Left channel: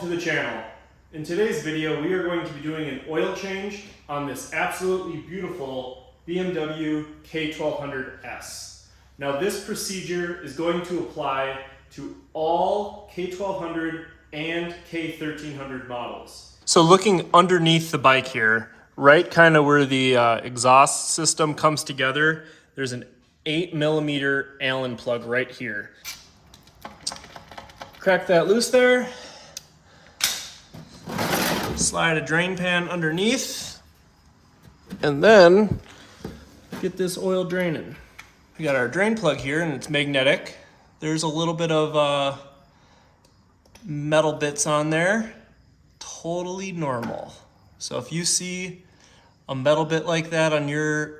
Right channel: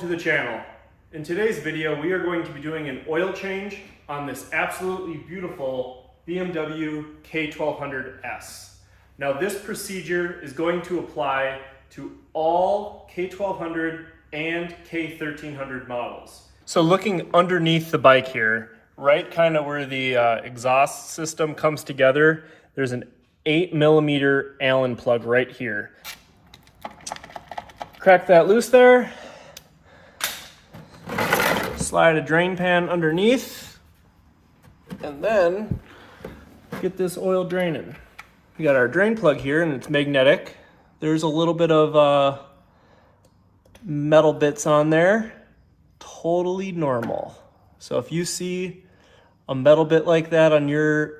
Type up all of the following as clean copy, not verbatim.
welcome to the channel. In today's video, we are going to be doing an oil change on this absolutely beautiful BMW K1200S. Now this procedure is going to apply to all K1200 and K1300 models. So looking underneath the bike here, right kind of where the exhaust system comes together, there's an 8mm Allen plug right here. Crack that loose there. Slide a drain pan underneath. And then get this oil draining. We got our drain plug here and it's magnetic. There's a little bit of metal bits on there. Totally normal. So if you see a metal bit like that on your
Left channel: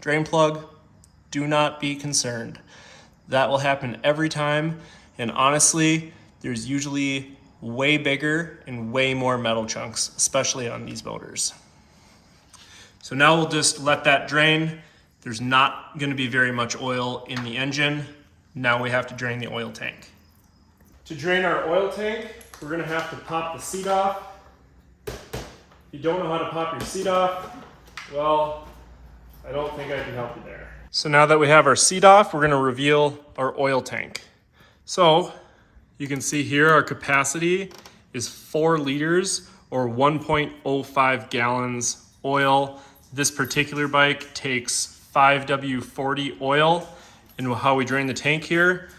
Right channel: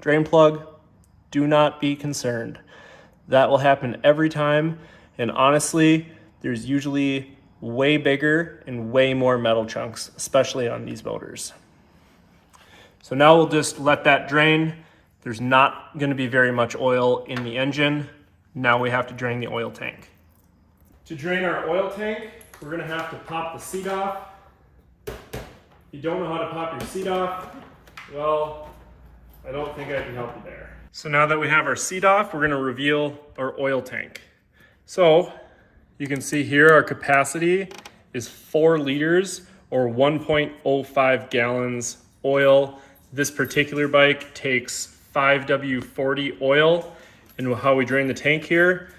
drain plug, do not be concerned. That will happen every time. And honestly, there's usually way bigger and way more metal chunks, especially on these motors. So now we'll just let that drain. There's not going to be very much oil in the engine. Now we have to drain the oil tank. To drain our oil tank, we're going to have to pop the seat off. If you don't know how to pop your seat off, well, I don't think I can help you there. So now that we have our seat off, we're going to reveal our oil tank. So you can see here our capacity is 4 liters or 1.05 gallons oil. This particular bike takes 5W40 oil. And how we drain the tank here,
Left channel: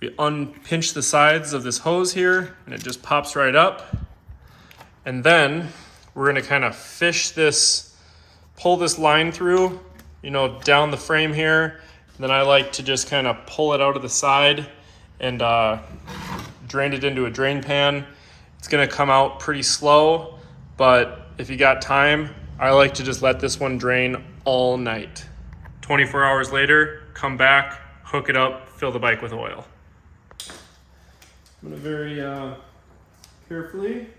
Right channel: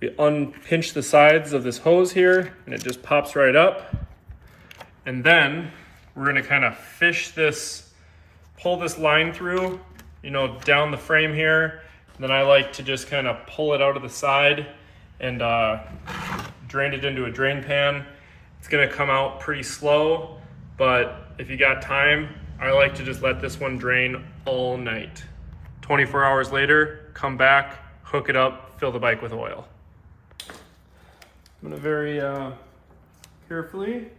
we unpinch the sides of this hose here and it just pops right up. And then we're gonna kind of fish this, pull this line through, down the frame here. Then I like to just kind of pull it out of the side and drain it into a drain pan. It's gonna come out pretty slow, but if you got time, I like to just let this one drain all night. 24 hours later, come back, hook it up, fill the bike with oil. I'm gonna very carefully,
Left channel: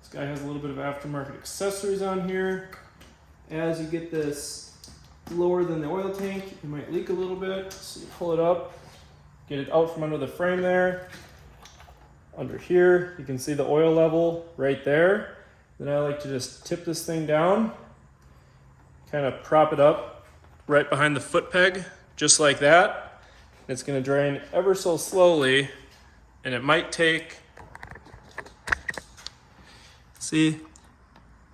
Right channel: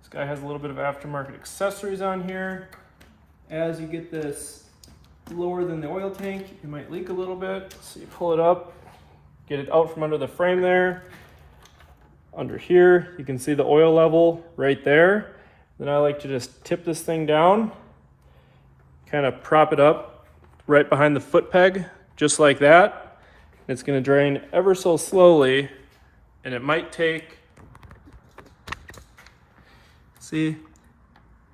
this guy has a little bit of aftermarket accessories on here. As you get this lower than the oil tank, it might leak a little bit, so you pull it up, get it out from under the frame there. Under here, you can see the oil level right there. Then I like to just tip this thing down, kind of prop it up right behind the foot peg, just like that. It's gonna drain ever so slowly, and it might take,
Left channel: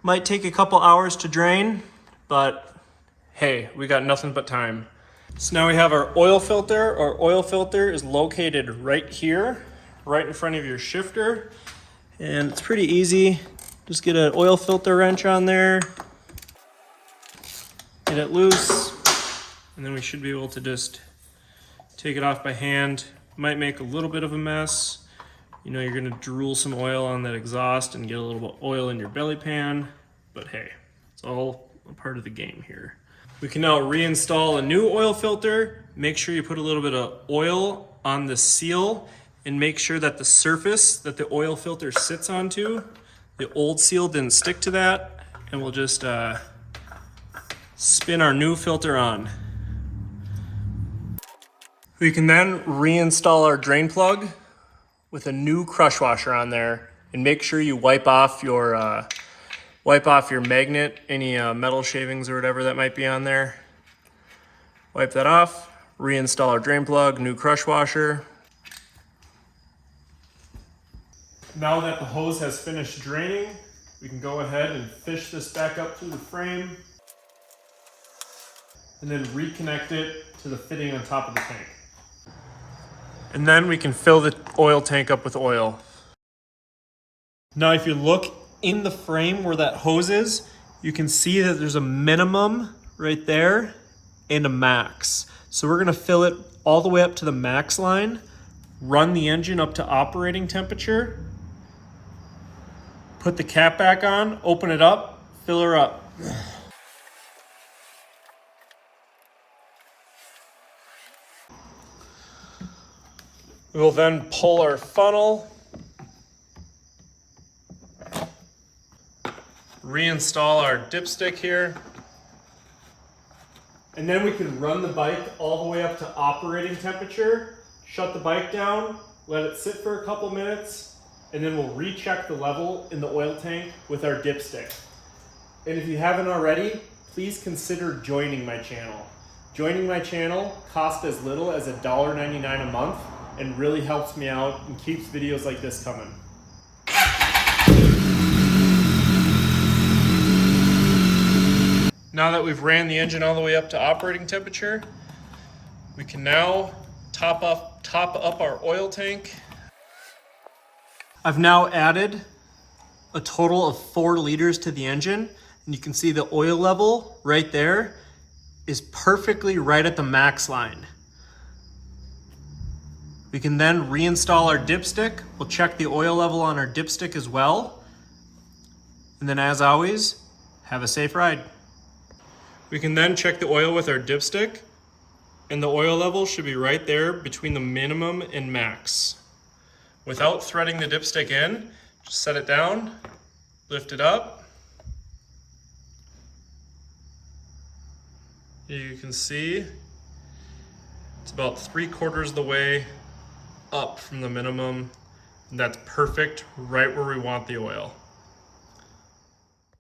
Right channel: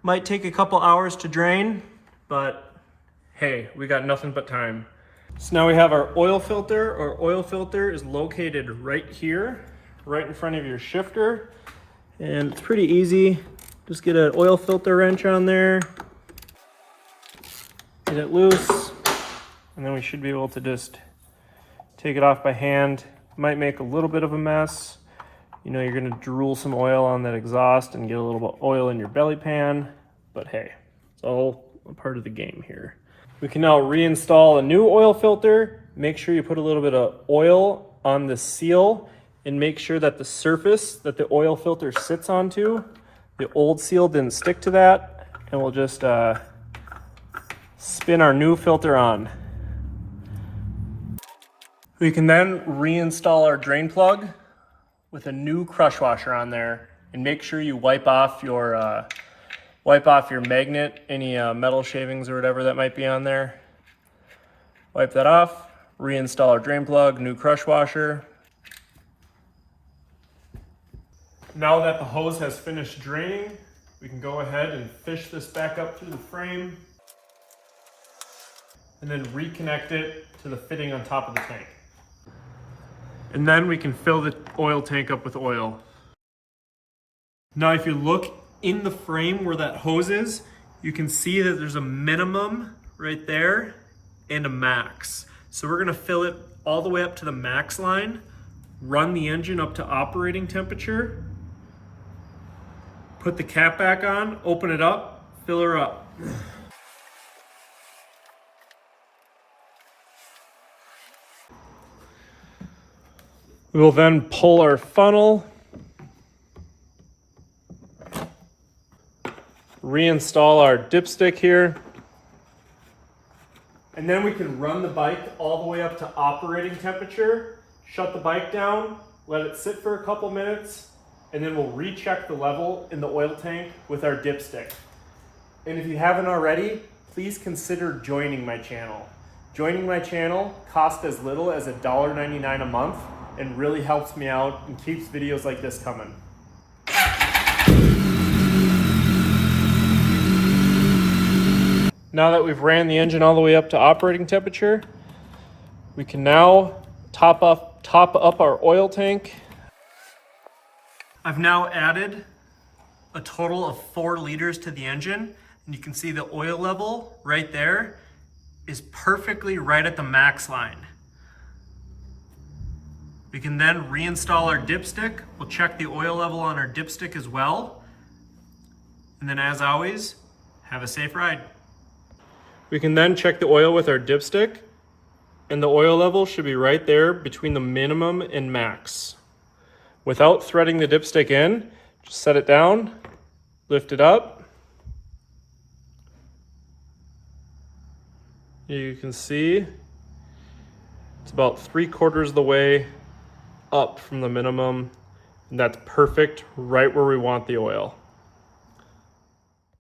might take a couple hours to drain, but hey, we got nothing but time. So now we have our oil filter. Our oil filter is located right here, right in front of your shifter. And it's pretty easy. Just get an oil filter wrench on there, get it loose, and then we should be able to just take it off by hand. Might make a little bit of a mess. You're gonna drool some oil on that exhaust and get a little bit of oil in your belly pan, but hey, it's all a part of the game here. We can now reinstall a new oil filter. Make sure you put a little bit of oil on the seal and make sure that the surface that the oil filter sits onto, the old seal didn't stick to that, and we'll just spin our new filter on. We can then reinstall our drain plug with a new crush washer on there, and make sure you wipe off your magnet, any metal shavings or whatever that might be on there. Wipe that off, reinstall our drain plug, new crush washer. Now that the hose has finished draining, we can go ahead and fish this back up through the frame and then reconnect it to the fitting on top of the tank. And then we can fill the oil tank up with oil. Now if you look in the frame where that hose is, you can see that there's a minimum right there and a max. So we're gonna fill it all the way up to the max line, run the engine up to operating temperature, put the cap back on, open it up, fill her up. We will then pull our funnel, reinstall our dipstick here, and then we can run the bike all the way up to operating temperature, shut the bike down, let it sit for a couple minutes, and then we'll recheck the level in the oil tank with our dipstick. And if you haven't already, please consider joining my channel. Joining my channel costs as little as $1.99 a month and really helps me out and keeps videos like this coming. Now that we've ran the engine all the way up to operating temperature, we can now top up our oil tank. I've now added a total of 4 liters to the engine, and you can see the oil level right there is perfectly right at the max line. We can then reinstall our dipstick. We'll check the oil level on our dipstick as well. And then as always, have a safe ride. We can then check the oil with our dipstick, and the oil level should be right there between the minimum and max. Without threading the dipstick in, just set it down, lift it up. You can see it's about 3/4 of the way up from the minimum, and that's perfect right where we want the oil.